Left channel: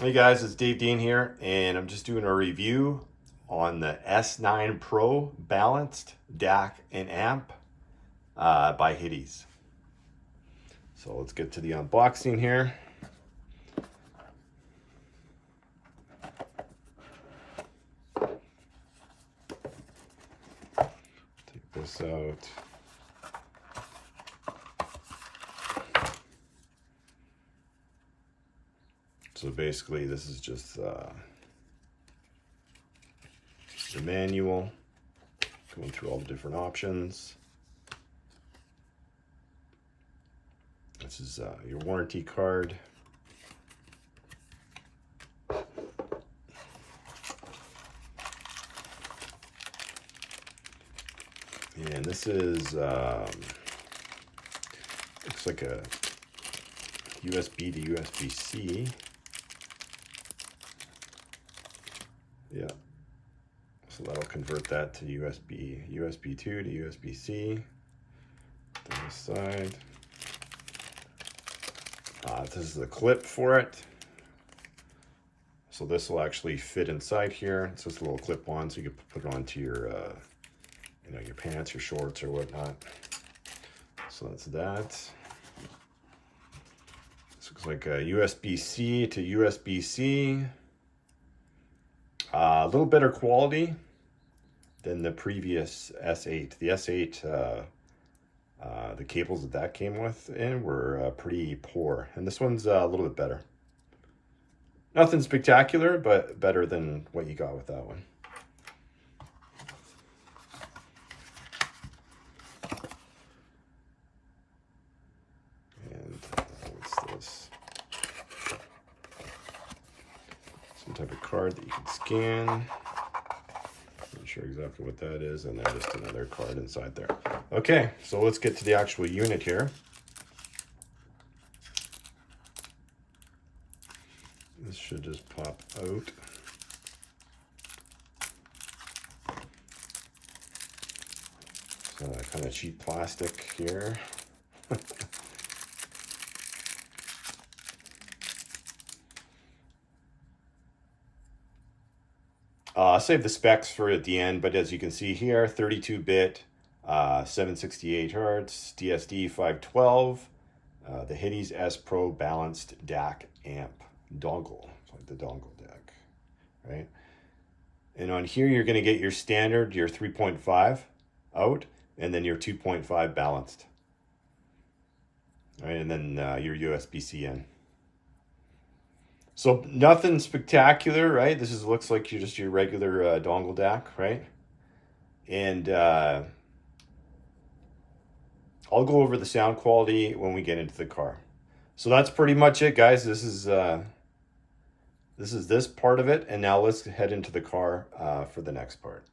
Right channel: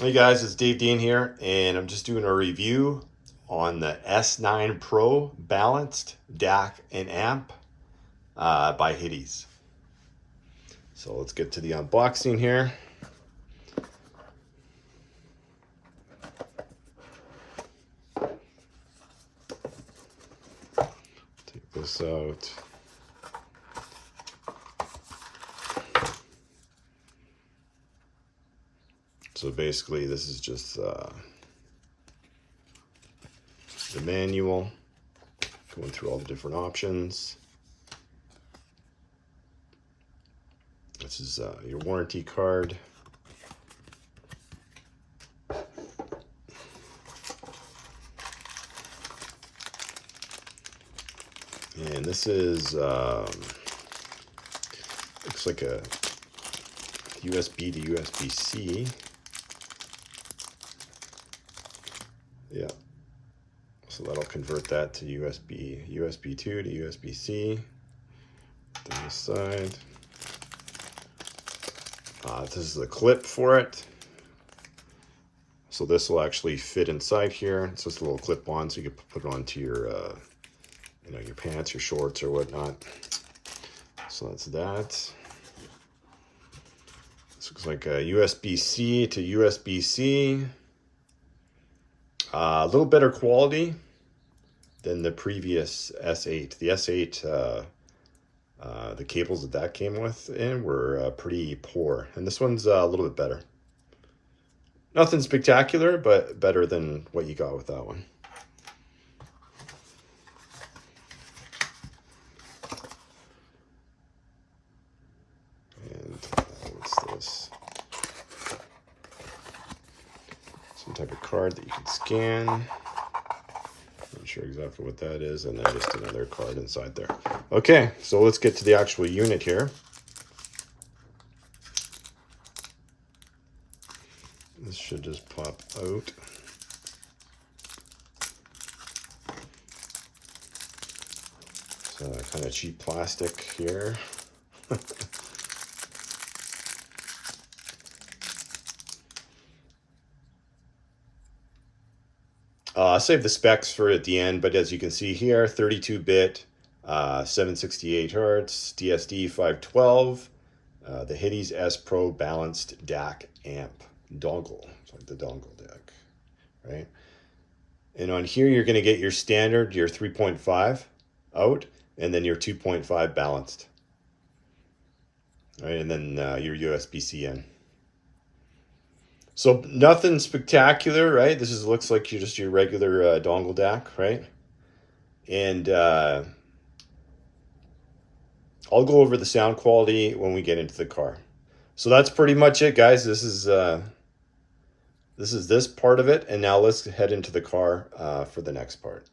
Hey guys, it's Dave Dean here, and I'm just doing a review on the S9 Pro balanced DAC and amp by Hidizs. So let's get to the unboxing here. Take this out. So basically this is just the manual, going through all the different options. This is your warranty card. And this is, looks like a USB to USB-C. Yeah. So that'll convert that to USB 2 to USB-C. On this side. This is the clip for it. So this will actually fit inside here. It's just a little clip on, so you can put it onto your, your pants, your shorts, or whatnot. So that's that. This looks like a USB-C to USB-C. A little better quality than the previous S8. The S8, the cables that came with were pretty poor, and this one's a little bit better. Nothing spectacular, but better than what you got with that one. And what's this? Some type of card that you can scan. Not sure exactly what that is, and then just another card inside there. Okay, so let's get to the actual unit here. This should just pop out. So kind of cheap plastic here. I'll save the specs for at the end, but as you can see here, 32-bit, 768 hertz, DSD 512, the Hidizs S Pro balanced DAC amp dongle. It's like the Dongle DAC, right? And on here, you're going to get your standard, your 3.5 out, and then your 2.5 balanced. All right, and then your USB-C in. So nothing spectacular, right? This looks like just your regular Dongle DAC, right? And I'll go over the sound quality when we get into the car. So that's pretty much it, guys. This is this part of it, and now let's head into the car for the next part.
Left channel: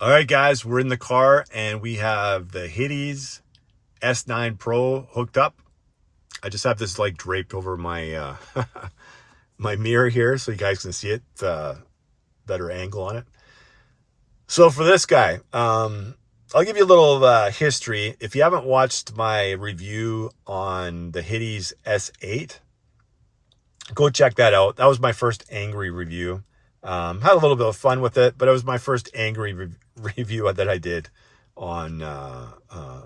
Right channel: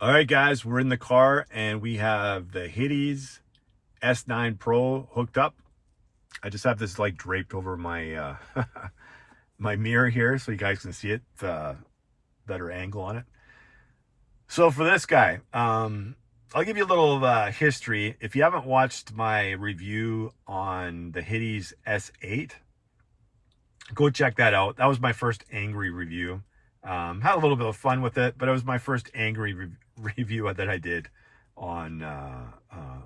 All right, guys, we're in the car, and we have the Hidizs S9 Pro hooked up. I just have this like draped over my my mirror here so you guys can see it, better angle on it. So for this guy, I'll give you a little history. If you haven't watched my review on the Hidizs S8, go check that out. That was my first angry review. Had a little bit of fun with it, but it was my first angry review that I did on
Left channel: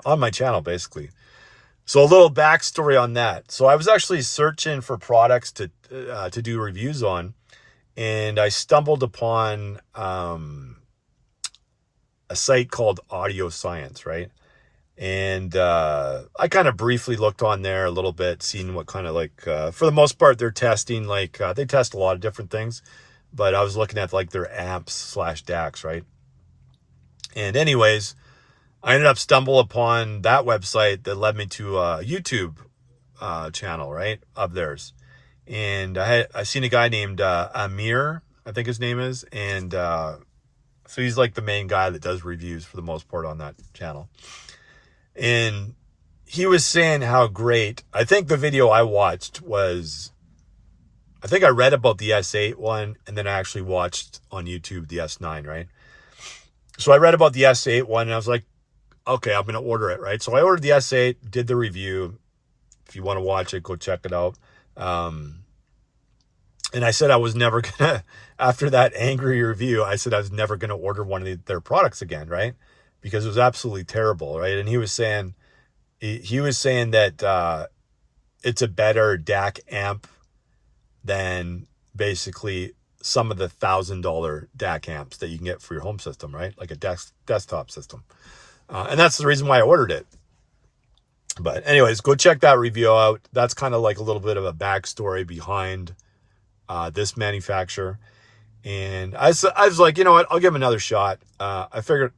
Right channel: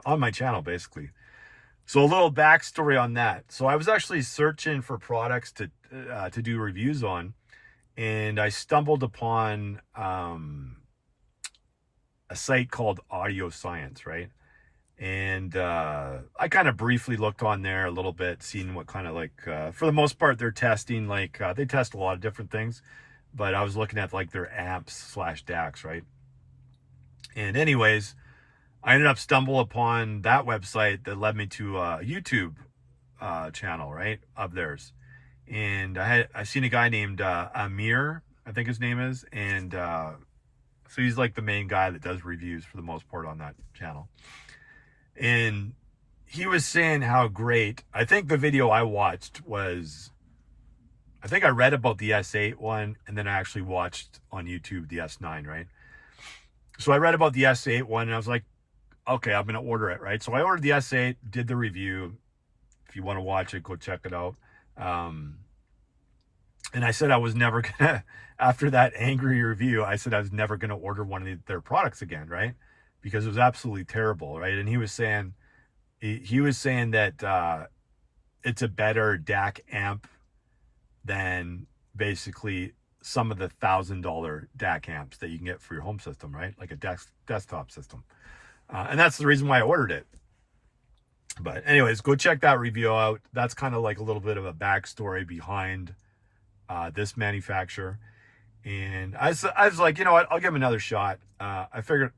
my channel, basically. So a little backstory on that. So I was actually searching for products to do reviews on, and I stumbled upon a site called Audio Science, right? And I kind of briefly looked on there a little bit, seeing what kind of like, for the most part, they're testing, like, they test a lot of different things, but I was looking at like their amps / DACs, right? And anyways, I ended up stumbling upon that website that led me to a YouTube channel, right, of theirs. And I seen a guy named Amir, I think his name is, and so he's like the main guy that does reviews for the most part on that channel. And he was saying how great, I think the video I watched was, I think I read about the S8 one, and then I actually watched on YouTube the S9, right? So I read about the S8 one, and I was like, okay, I'm going to order it, right? So I ordered the S8, did the review. If you want to watch it, go check it out. And I said I was never gonna, after that angry review, I said I was never gonna order one of their products again, right? Because it was absolutely terrible, right? And he was saying that it's a better DAC amp than basically some of the $1,000 DAC amps that you can get for your home system, right? Like a desktop system. And that's the reason why I ordered it. But anyways, go check that review out. That's kind of like a little bit of a backstory behind this manufacturer. And I was like, you know what, I'll give them another shot. I figured,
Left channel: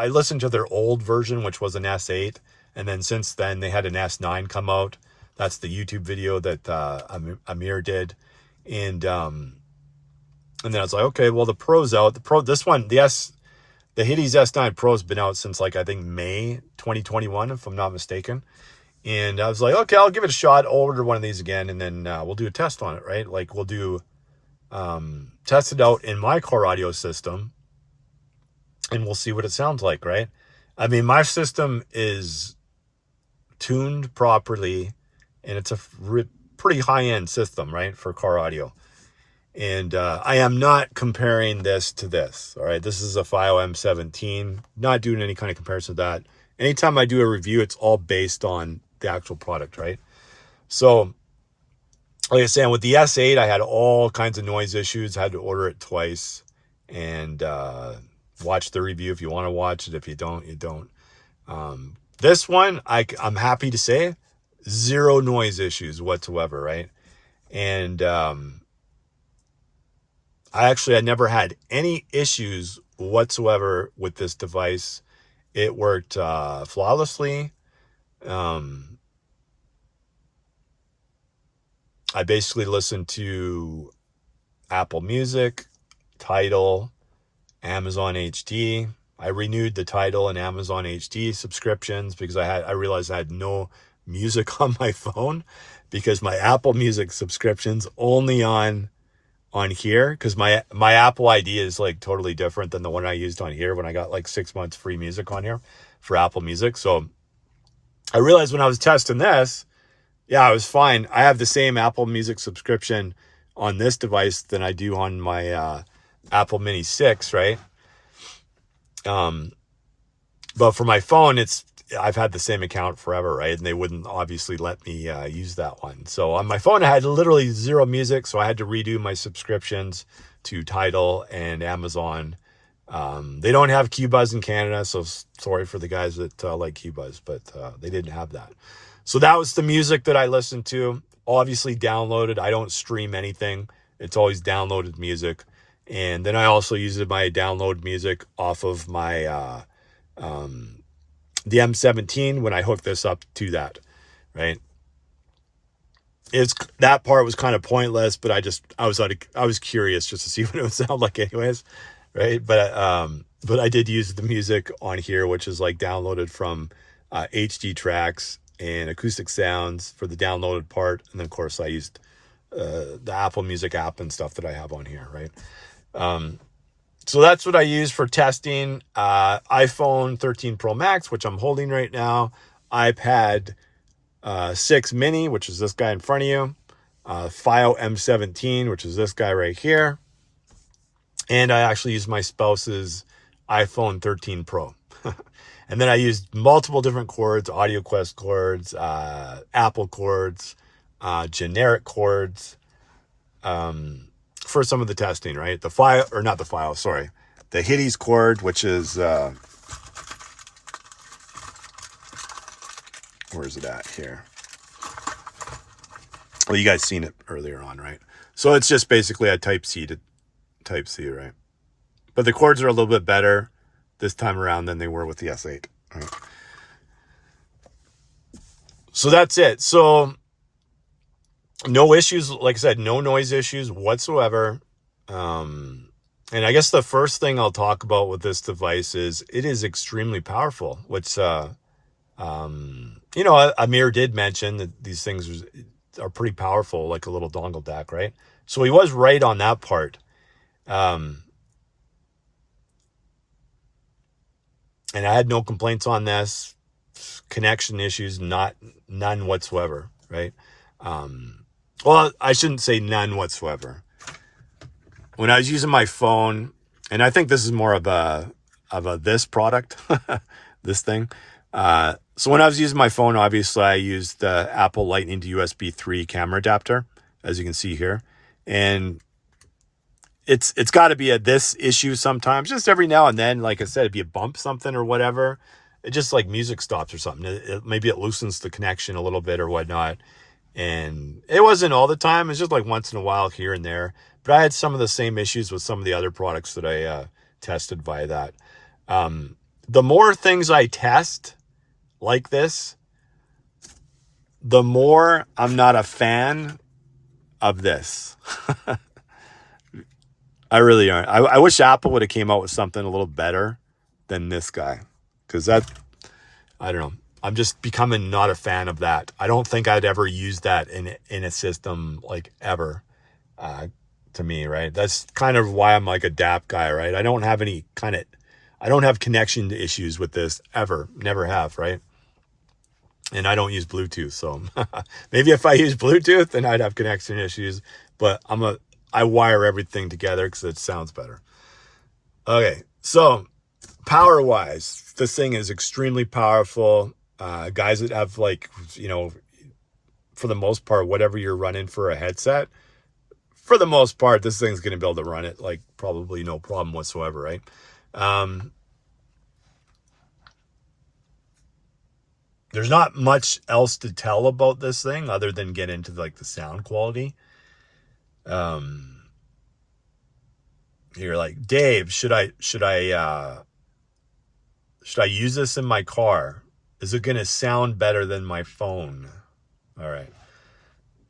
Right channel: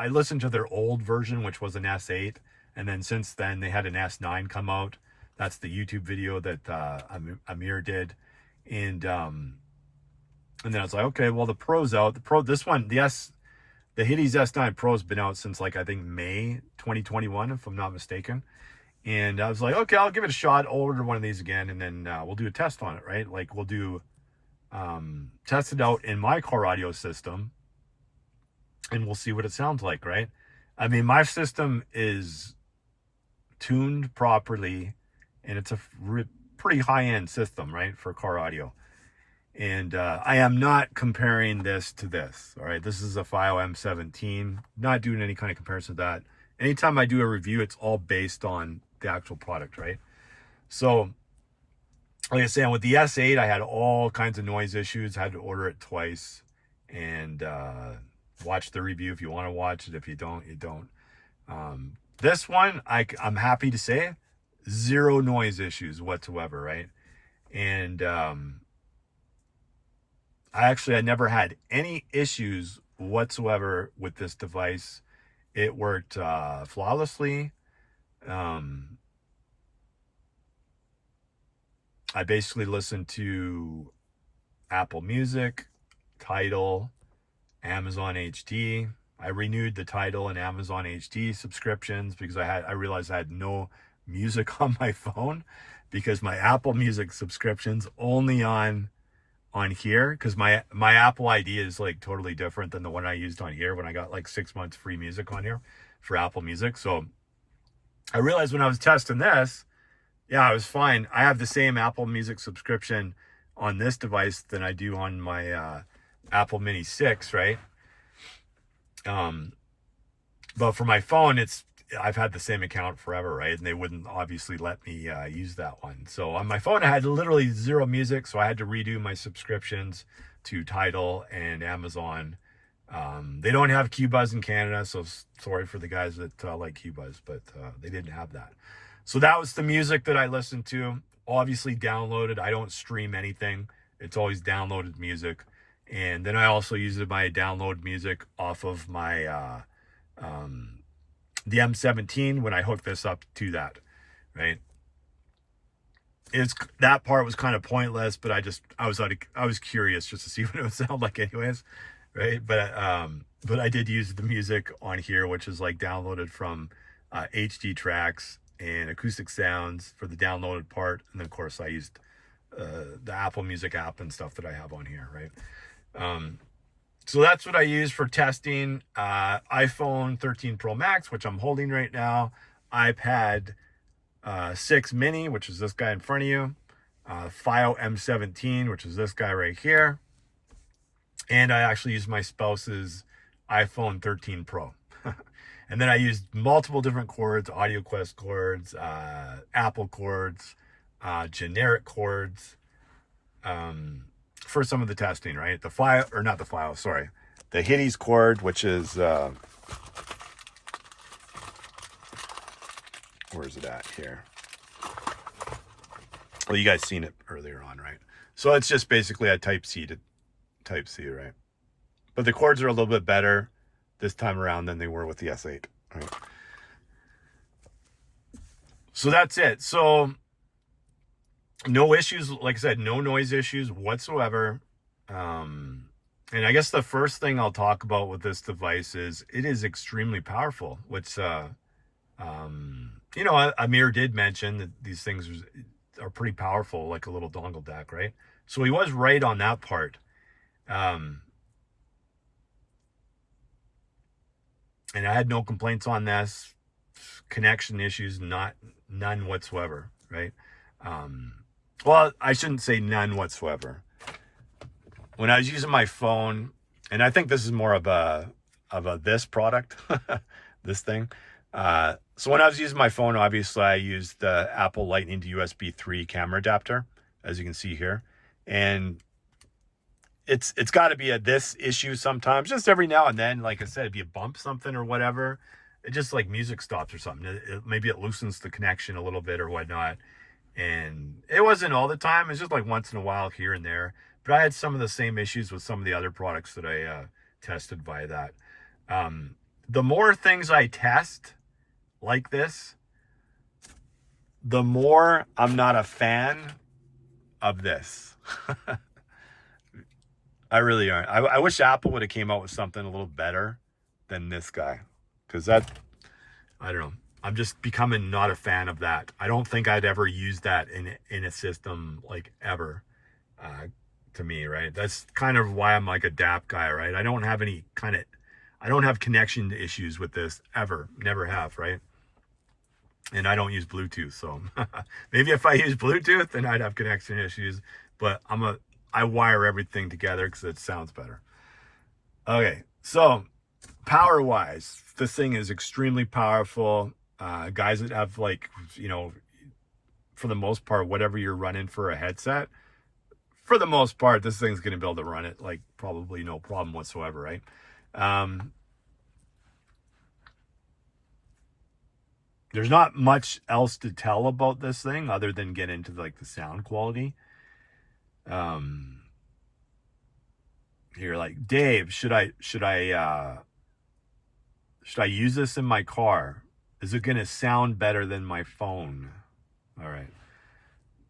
I listened to their old version, which was an S8. And then since then, they had an S9 come out. That's the YouTube video that Amir did. And then I was like, okay, well, the Pro's out. The Hidizs S9 Pro's been out since like, I think May 2021, if I'm not mistaken. And I was like, okay, I'll give it a shot. I'll order one of these again, and then we'll do a test on it, right? Like we'll do test it out in my car audio system, and we'll see what it sounds like, right? I mean, my system is tuned properly, and it's a pretty high-end system, right, for car audio. And I am not comparing this to this, all right? This is a FiO M17, not doing any kind of comparison to that. Anytime I do a review, it's all based on the actual product, right? So, like I was saying, with the S8, I had all kinds of noise issues. I had to order it twice. And watch the review if you want to watch it. If you don't, you don't. This one, I'm happy to say, zero noise issues whatsoever, right? And I never had any issues whatsoever with this device. It worked flawlessly. I basically listened to Apple Music, Tidal, Amazon HD. I renewed the Tidal and Amazon HD subscriptions because I realized I had no music on my phone, because my Apple Music subscription's only on here, because my Apple ID is like totally different than the one I used on here when I got like 6 months free music on here for Apple Music. So I realized when I was testing this, yeah, I was fine. I have the same Apple Music subscription on this device than I do on my Apple Mini 6, right? But for my phone, I've had the same account forever, right? And they wouldn't obviously let me use that one. So on my phone, I had literally zero music, so I had to redo my subscriptions to Tidal and Amazon. They don't have QBuzz in Canada, so sorry for the guys that like QBuzz, but they didn't have that. So that was the music that I listened to. Obviously downloaded. I don't stream anything. It's always downloaded music. And then I also used my download music off of my the M17 when I hooked this up to that, right? That part was kind of pointless, but I was curious just to see what it would sound like anyways, right? But I did use the music on here, which is like downloaded from HD tracks and acoustic sounds for the downloaded part. And then of course I used the Apple Music app and stuff that I have on here, right? So that's what I use for testing. iPhone 13 Pro Max, which I'm holding right now. iPad 6 Mini, which is this guy in front of you. FiO M17, which is this guy right here. And I actually use my spouse's iPhone 13 Pro. And then I used multiple different cords, AudioQuest cords, Apple cords, generic cords, for some of the testing, right? The Hidizs cord, which is, where is it at here? Well, you guys seen it earlier on, right? So it's just basically a Type C to Type C, right? But the cords are a little bit better this time around than they were with the S8, right? So that's it. So no issues, like I said, no noise issues whatsoever. And I guess the first thing I'll talk about with this device is it is extremely powerful, which, Amir did mention that these things are pretty powerful, like a little dongle DAC, right? So he was right on that part. And I had no complaints on this. Connection issues, none whatsoever, right? Well, I shouldn't say none whatsoever. When I was using my phone, and I think this is more of a this product, this thing. So when I was using my phone, obviously I used the Apple Lightning to USB 3 camera adapter, as you can see here. And it's got to be this issue sometimes, just every now and then. Like I said, if you bump something or whatever, it just like music stops or something. Maybe it loosens the connection a little bit or whatnot. And it wasn't all the time. It's just like once in a while here and there. But I had some of the same issues with some of the other products that I tested via that. The more things I test like this, the more I'm not a fan of this. I really aren't. I wish Apple would have came out with something a little better than this guy. Because that, I don't know. I'm just becoming not a fan of that. I don't think I'd ever use that in a system, like, ever, to me, right? That's kind of why I'm like a DAP guy, right? I don't have connection issues with this ever. Never have, right? And I don't use Bluetooth, so maybe if I use Bluetooth, then I'd have connection issues. But I wire everything together because it sounds better. Okay, so power-wise, this thing is extremely powerful. Guys that have, like, for the most part, whatever you're running for a headset, for the most part, this thing's going to be able to run it, like, probably no problem whatsoever, right? There's not much else to tell about this thing other than get into, like, the sound quality. You're like, Dave, should I use this in my car? Is it going to sound better than my phone? All right.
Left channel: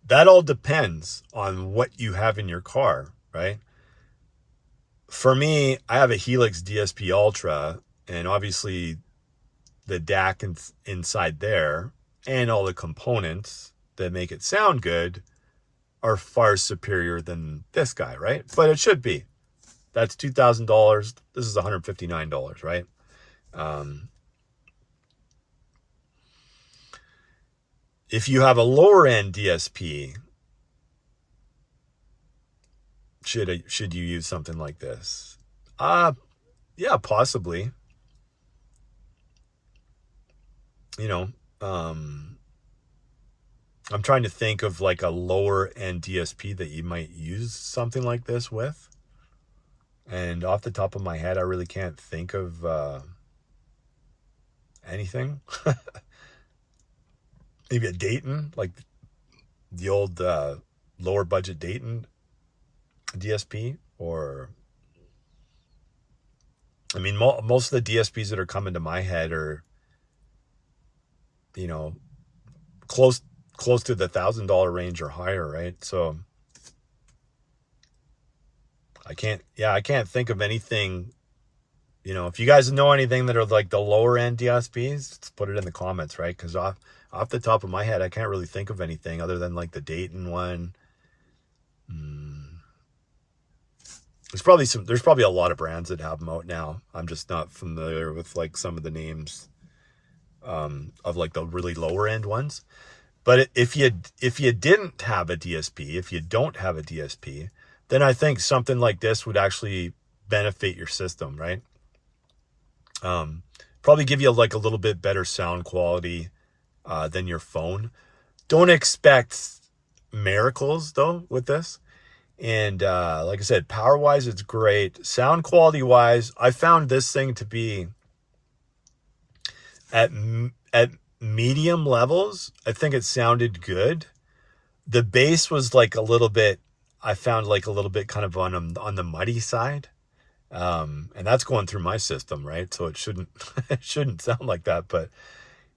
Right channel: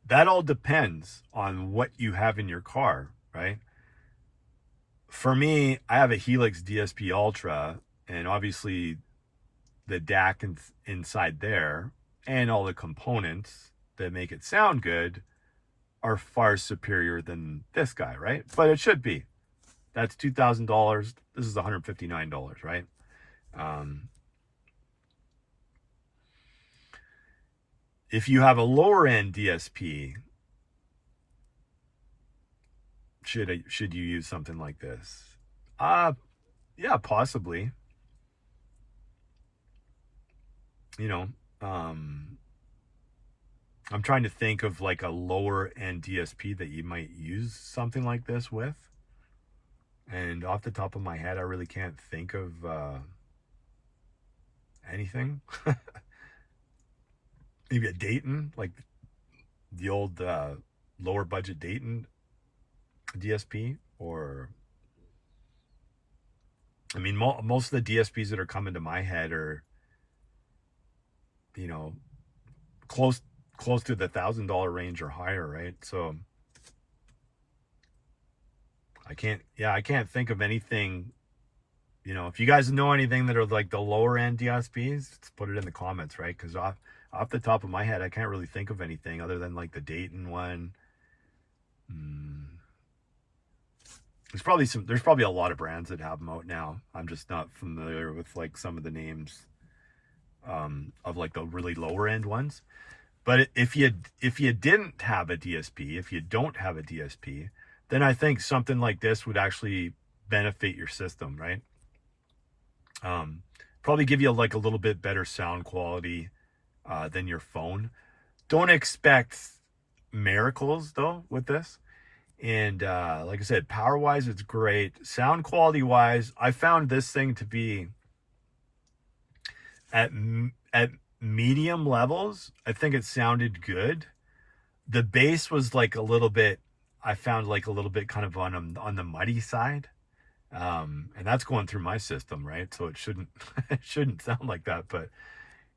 That all depends on what you have in your car, right? For me, I have a Helix DSP Ultra, and obviously the DAC inside there and all the components that make it sound good are far superior than this guy, right? But it should be. That's $2,000. This is $159, right? If you have a lower end DSP, should you use something like this? Yeah, possibly. I'm trying to think of like a lower end DSP that you might use something like this with. And off the top of my head, I really can't think of anything. Maybe a Dayton, like the old lower budget Dayton DSP, or I mean, most of the DSPs that are coming to my head are, close to the $1,000 range or higher, right? So I can't think of anything. If you guys know anything that are like the lower end DSPs, let's put it in the comments, right? Because off the top of my head, I can't really think of anything other than like the Dayton one. There's probably a lot of brands that have them out now. I'm just not familiar with like some of the names of like the really lower end ones. But if you didn't have a DSP, if you don't have a DSP, then I think something like this would actually benefit your system, right? Probably give you like a little bit better sound quality than your phone. Don't expect miracles though with this. And like I said, power wise, it's great. Sound quality wise, I found this thing to be at medium levels. I think it sounded good. The bass was like a little bit, I found like a little bit kind of on the muddy side. And that's going through my system, right? So it shouldn't it shouldn't sound like that, but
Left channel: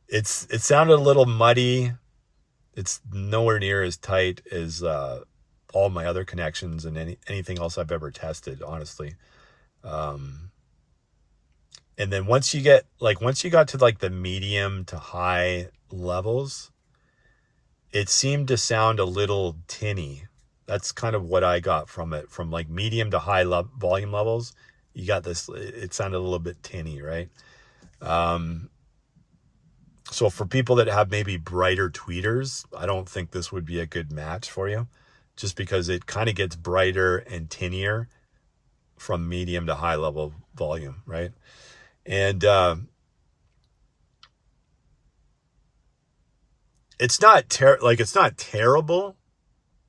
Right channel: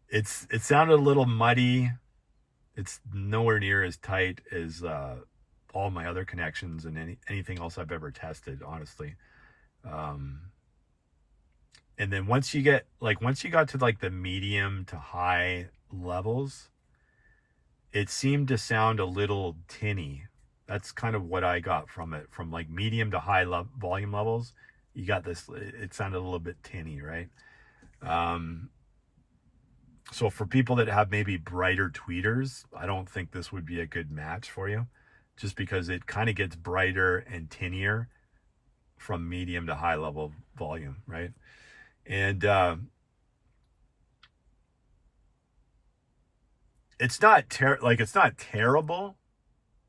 it sounded a little muddy. It's nowhere near as tight as all my other connections and anything else I've ever tested, honestly. And then once you got to like the medium to high levels, it seemed to sound a little tinny. That's kind of what I got from it. From like medium to high volume levels, you got this, it sounded a little bit tinny, right? So for people that have maybe brighter tweeters, I don't think this would be a good match for you, just because it kind of gets brighter and tinier from medium to high level volume, right? And it's not it's not terrible,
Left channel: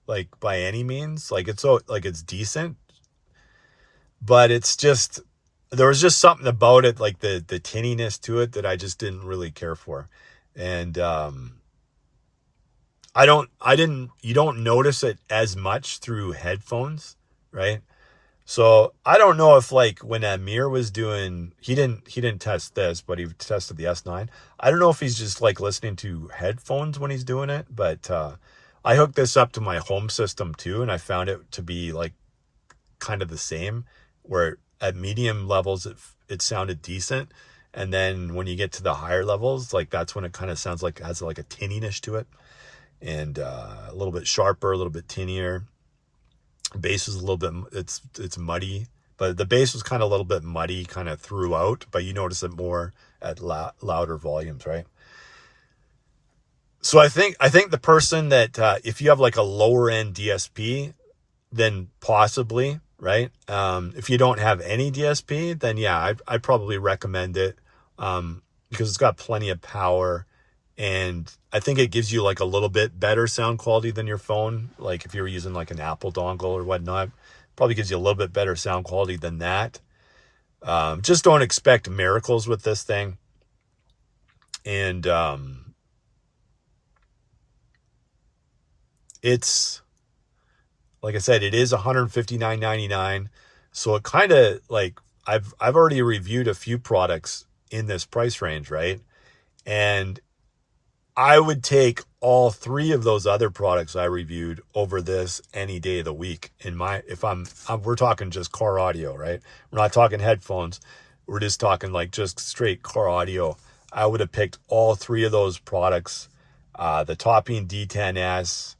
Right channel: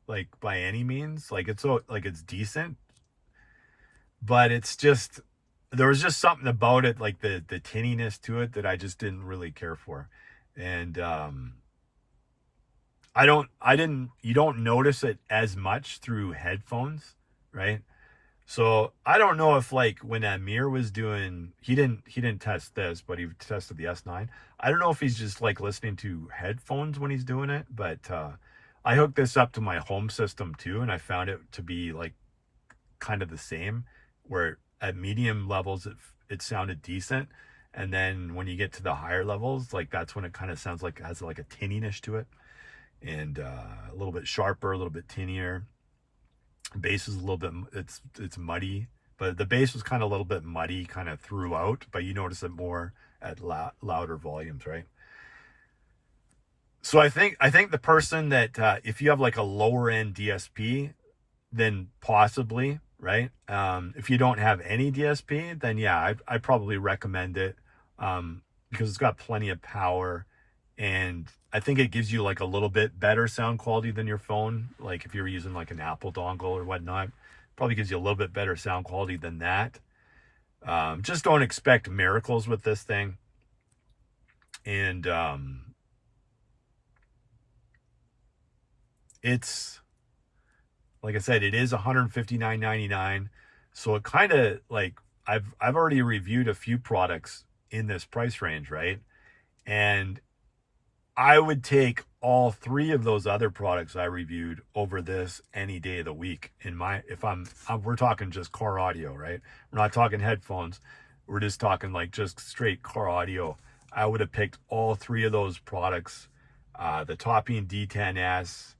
like by any means. Like it's decent, but it's just, there was just something about it, like the tinniness to it, that I just didn't really care for. And you don't notice it as much through headphones, right? So I don't know if, like, when Amir was doing, he didn't test this, but he tested the S9. I don't know if he's just like listening to headphones when he's doing it, but I hooked this up to my home system too, and I found it to be like kind of the same, where at medium levels it sounded decent, and then when you get to the higher levels, like that's when it kind of sounds like it has like a tinniness to it, and a little bit sharper, a little bit tinnier. Bass is a little bit, it's muddy, but the bass was kind of a little bit muddy kind of throughout, but you notice it more at louder volumes, right? So I think the person that if you have like a lower end DSP, then possibly, right? If you don't have any DSP, then yeah, I'd probably recommend it, because it's got plenty of power, and I think it gives you like a little bit better sound quality than your phone. Like if you're using like an Apple dongle or whatnot, probably gives you a little bit better sound quality than that. Just don't expect miracles with this thing. And it's, like I said, it is $159.99. So it kind of like, I've already reviewed a few products in this price range, right? And I would take all three of those other products I reviewed over this any day of the week. We're talking just car audio, right? We're not talking headphones. We're just talking like just straight car audio. I would have picked all three of those products. The Topping D10S,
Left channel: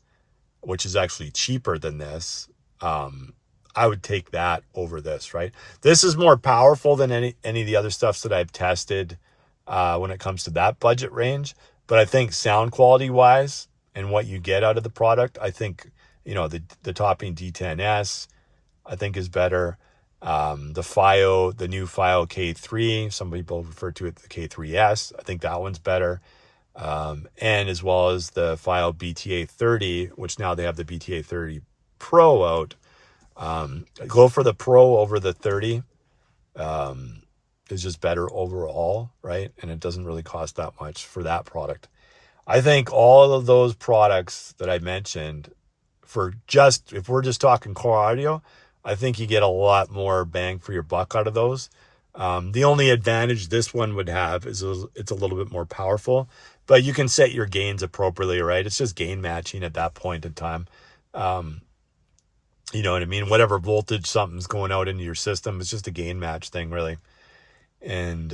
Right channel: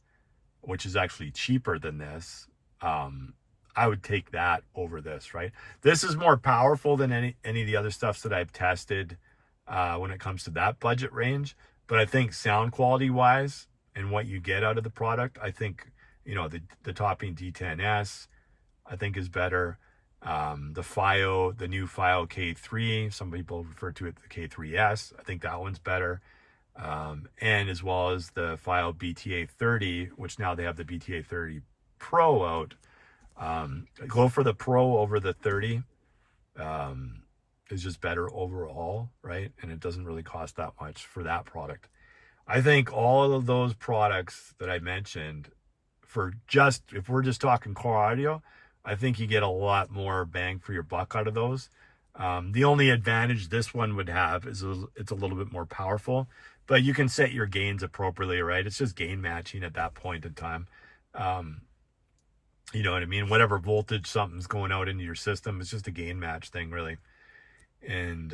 which is actually cheaper than this. I would take that over this, right? This is more powerful than any of the other stuffs that I've tested when it comes to that budget range. But I think sound quality wise and what you get out of the product, I think, the Topping D10S, I think is better. The new FiO K3, some people refer to it the K3S. I think that one's better. And as well as the FiO BTA 30, which now they have the BTA 30 Pro out. Go for the Pro over the 30. Is just better overall, right? And it doesn't really cost that much for that product. I think all of those products that I mentioned, if we're just talking core audio, I think you get a lot more bang for your buck out of those. The only advantage this one would have is it's a little bit more powerful, but you can set your gains appropriately, right? It's just gain matching at that point in time. You know what I mean? Whatever voltage something's going out into your system, it's just a gain match thing, really. And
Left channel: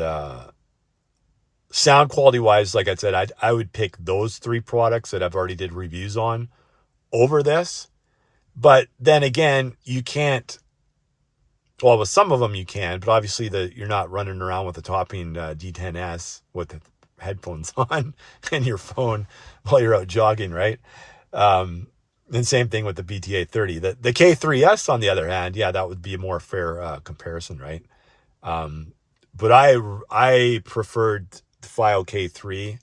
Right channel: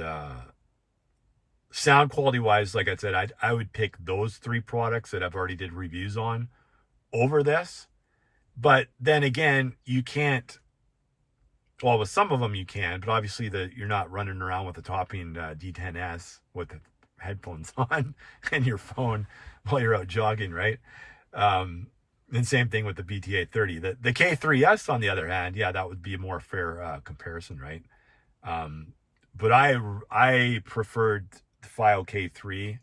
sound quality wise, like I said, I would pick those three products that I've already did reviews on over this. But then again, you can't, well, with some of them you can, but obviously you're not running around with the Topping D10S with the headphones on and your phone while you're out jogging, right? And same thing with the BTA 30. The K3S, on the other hand, yeah, that would be a more fair comparison, right? But I preferred the FiO K3.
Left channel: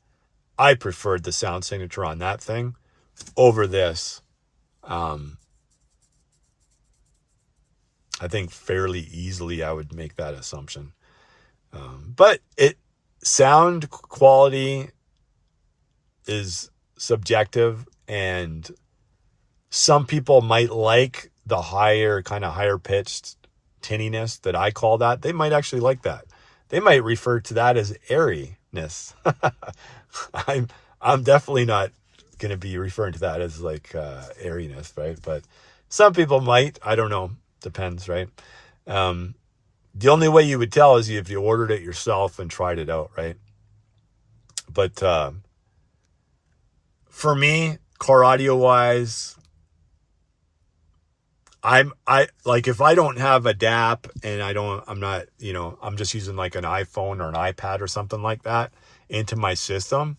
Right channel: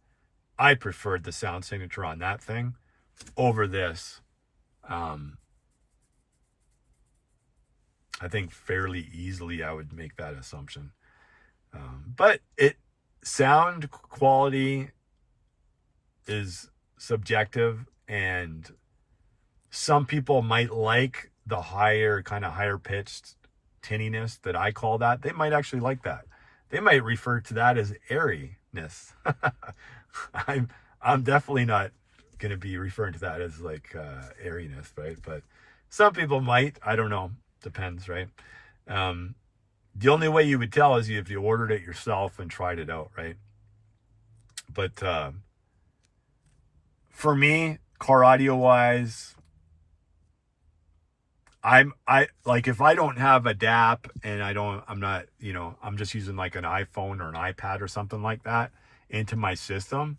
I preferred the sound signature on that thing over this. I think fairly easily I would make that assumption. But sound quality is subjective, and some people might like the higher pitched tinniness that I call that. They might actually like that. They might refer to that as airiness. I'm definitely not going to be referring to that as like airiness, right? But some people might. I don't know. Depends, right? The only way you would tell is if you ordered it yourself and tried it out, right? But for me, car audio wise, I like, if I don't have a DAP and I'm not, I'm just using like an iPhone or an iPad or something like that, into my system,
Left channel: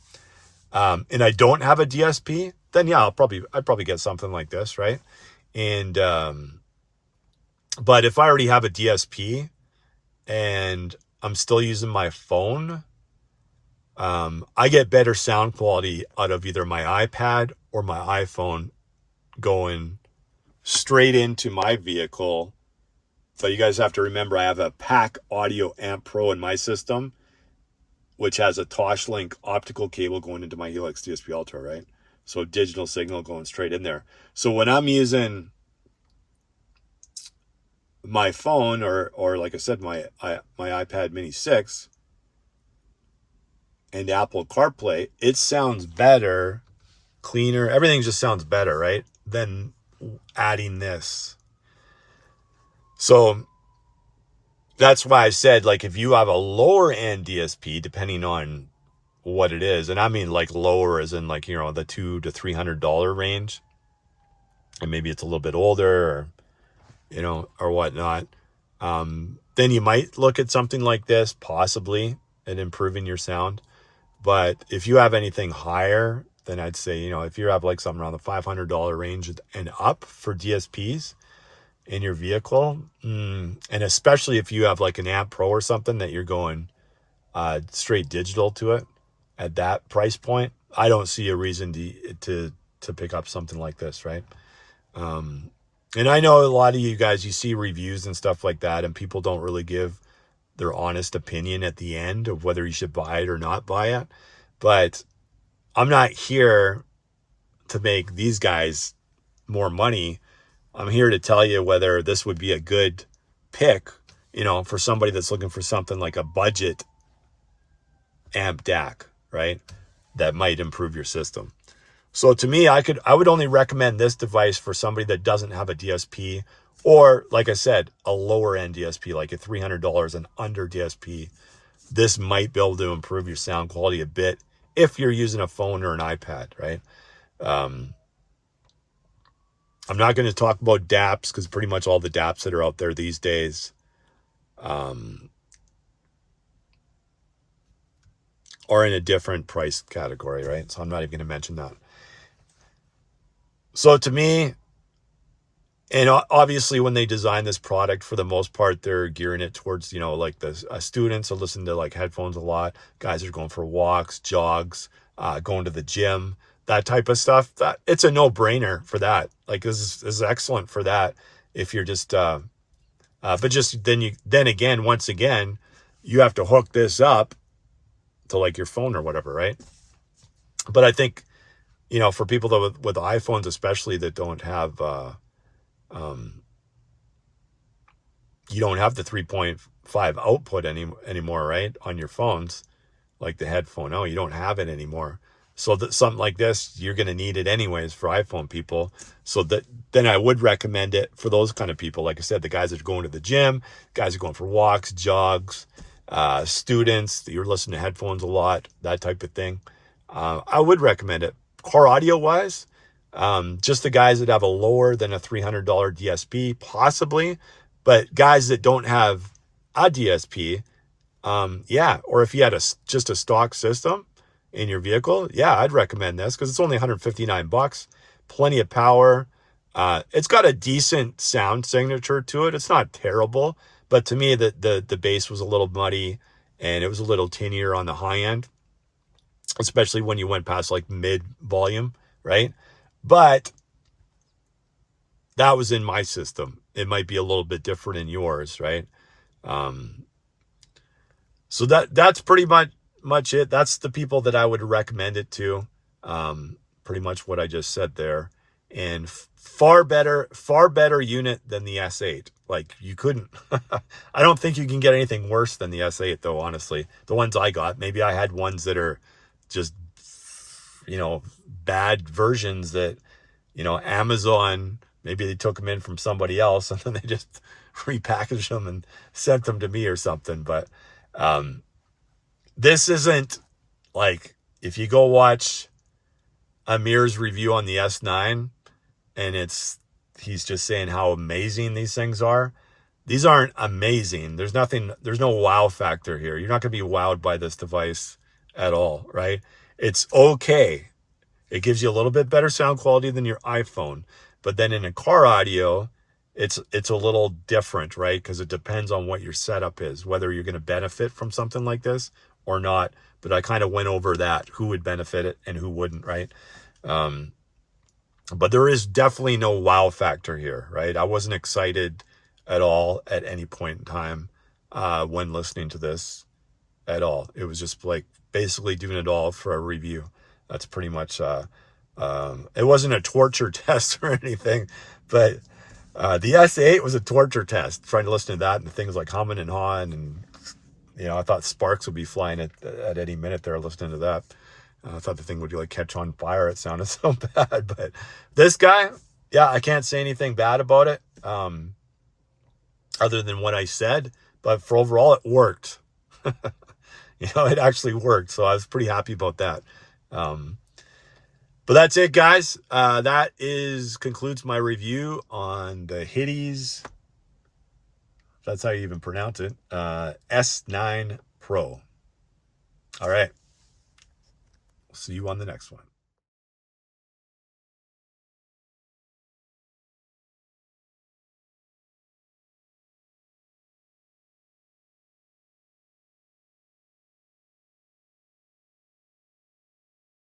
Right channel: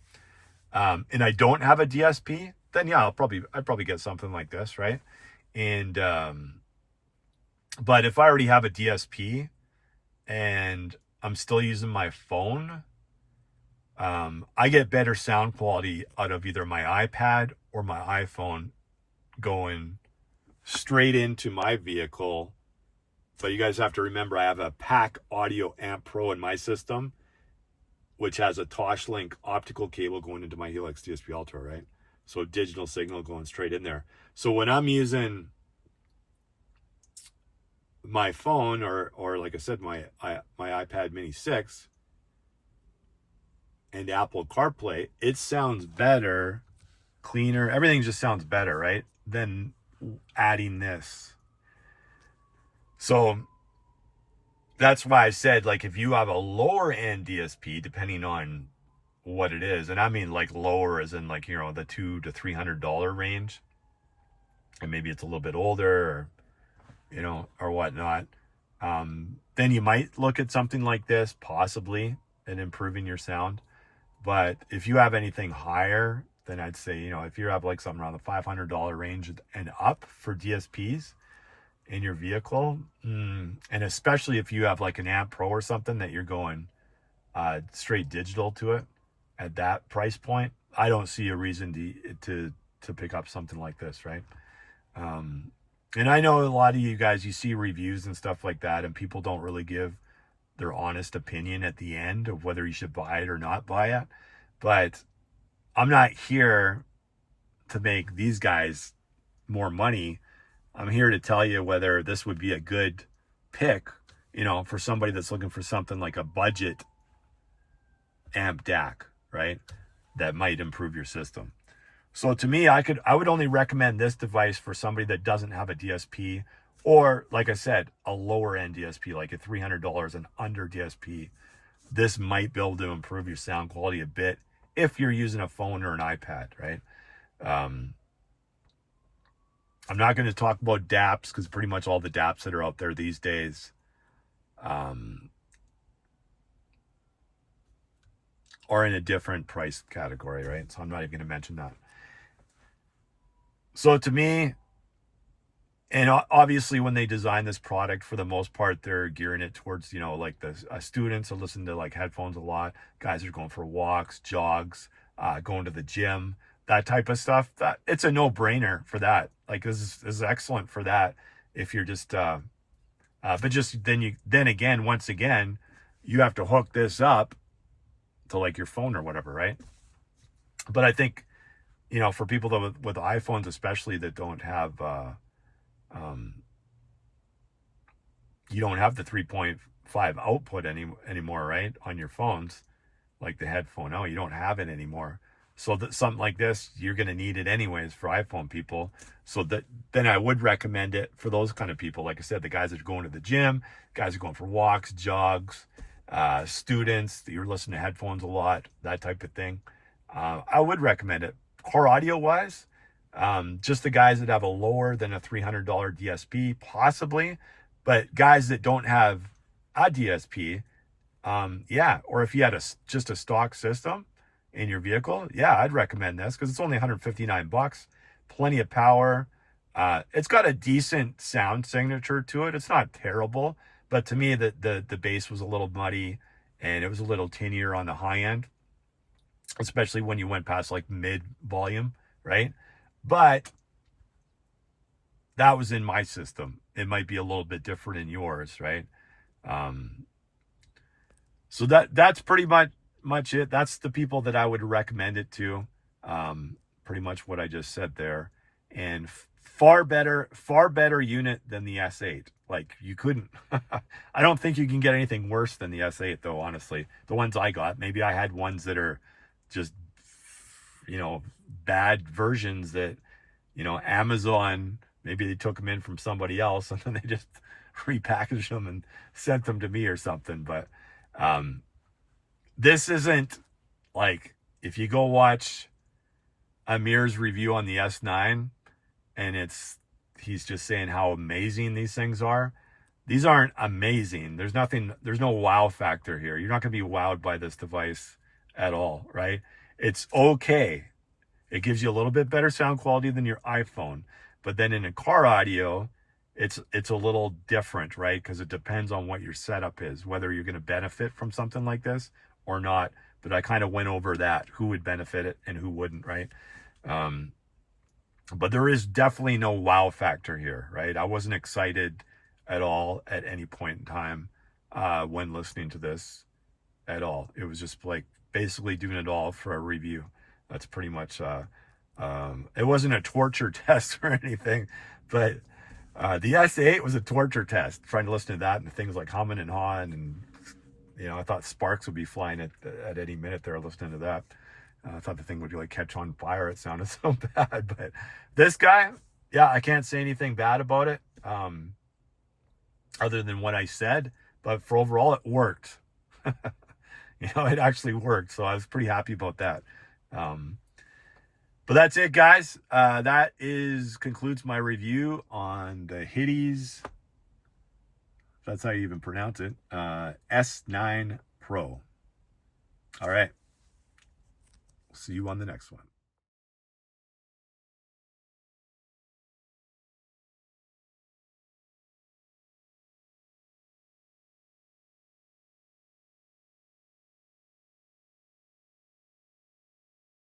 and I don't have a DSP, then yeah, I'd probably get something like this, right? And but if I already have a DSP and I'm still using my phone, I get better sound quality out of either my iPad or my iPhone going straight into my vehicle. But you guys have to remember, I have a PAC Audio Amp Pro in my system, which has a Toslink optical cable going into my Helix DSP Ultra, right? So digital signal going straight in there. So when I'm using my phone or like I said, my iPad Mini 6 and Apple CarPlay, it sounds better, cleaner. Everything just sounds better, right? Than adding this. So that's why I said, like, if you have a lower end DSP, depending on what it is, and I mean like lower as in like, you know, the $200 to $300 range, and maybe it's a little bit older, or, you know, or whatnot, then you might look at something like this, possibly, and improving your sound. But if you have anything higher, then I'd say, you know, if you have like something around the $500 range and up for DSPs in your vehicle, and especially if you have like an Amp Pro or something that you're going straight digital to it at that price point, I don't see a reason to pick up something like this, right? And I know a lot of you guys, you see reviews and stuff like that, and people don't really give their honest opinion at the end of whether you should buy it or not buy it. But I'm not here to make these guys more money. I'm here to tell you whether this would be a good pick, you know, for somebody that's looking for something like a budget amp DAC, right? That might improve your system. So to me, I would only recommend this device for somebody that doesn't have a DSP, or like I said, a lower end DSP, like a $300 and under DSP. This might be able to improve your sound quality a bit if you're using a phone or an iPad, right? I'm not going to talk about DAPs, because pretty much all the DAPs that are out there these days are in a different price category, right? So I'm not even going to mention that. So to me, and obviously when they design this product, for the most part, they're gearing it towards, you know, like the students are listening to like headphones a lot. Guys are going for walks, jogs, going to the gym, that type of stuff. That it's a no-brainer for that. Like this is excellent for that. If you're just, but just then again, once again, you have to hook this up to like your phone or whatever, right? But I think, you know, for people that with iPhones especially that don't have, you don't have the 3.5 output anymore, right? On your phones, like the headphone. Oh, you don't have it anymore. So that something like this, you're going to need it anyways for iPhone people. So then I would recommend it for those kind of people. Like I said, the guys that are going to the gym, guys are going for walks, jogs, students, you're listening to headphones a lot, that type of thing. I would recommend it. Car audio wise, just the guys that have a lower than a $300 DSP, possibly, but guys that don't have a DSP, yeah, or if you had just a stock system in your vehicle, yeah, I'd recommend this, because it's only $159, plenty of power. It's got a decent sound signature to it. It's not terrible, but to me, the bass was a little muddy and it was a little tinier on the high end, especially when you went past like mid volume, right? But that was in my system. It might be a little bit different in yours, right? So that's pretty much it. That's the people that I would recommend it to. Pretty much what I just said there. And far better unit than the S8. Like you couldn't, I don't think you can get anything worse than the S8 though, honestly. The ones I got, maybe I had ones that are just, you know, bad versions that, you know, Amazon, maybe they took them in from somebody else and then they just repackaged them and sent them to me or something. But this isn't like, if you go watch Amir's review on the S9 and he's just saying how amazing these things are. These aren't amazing. There's no wow factor here. You're not going to be wowed by this device at all, right? It's okay. It gives you a little bit better sound quality than your iPhone. But then in a car audio, it's a little different, right? Because it depends on what your setup is, whether you're going to benefit from something like this or not. But I kind of went over that, who would benefit it and who wouldn't, right? But there is definitely no wow factor here, right? I wasn't excited at all at any point in time when listening to this at all. It was just like basically doing it all for a review. That's pretty much, it wasn't a torture test or anything, but the S8 was a torture test, trying to listen to that and things like humming and hawing. And, you know, I thought sparks would be flying at any minute there listening to that. I thought the thing would like catch on fire. It sounded so bad, but this guy, yeah, I can't say anything bad about it, other than what I said, but for overall, it worked. You know, it actually worked. So I was pretty happy about that. But that's it, guys. That concludes my review on the Hidizs. That's how you even pronounce it. S9 Pro. All right. See you on the next one.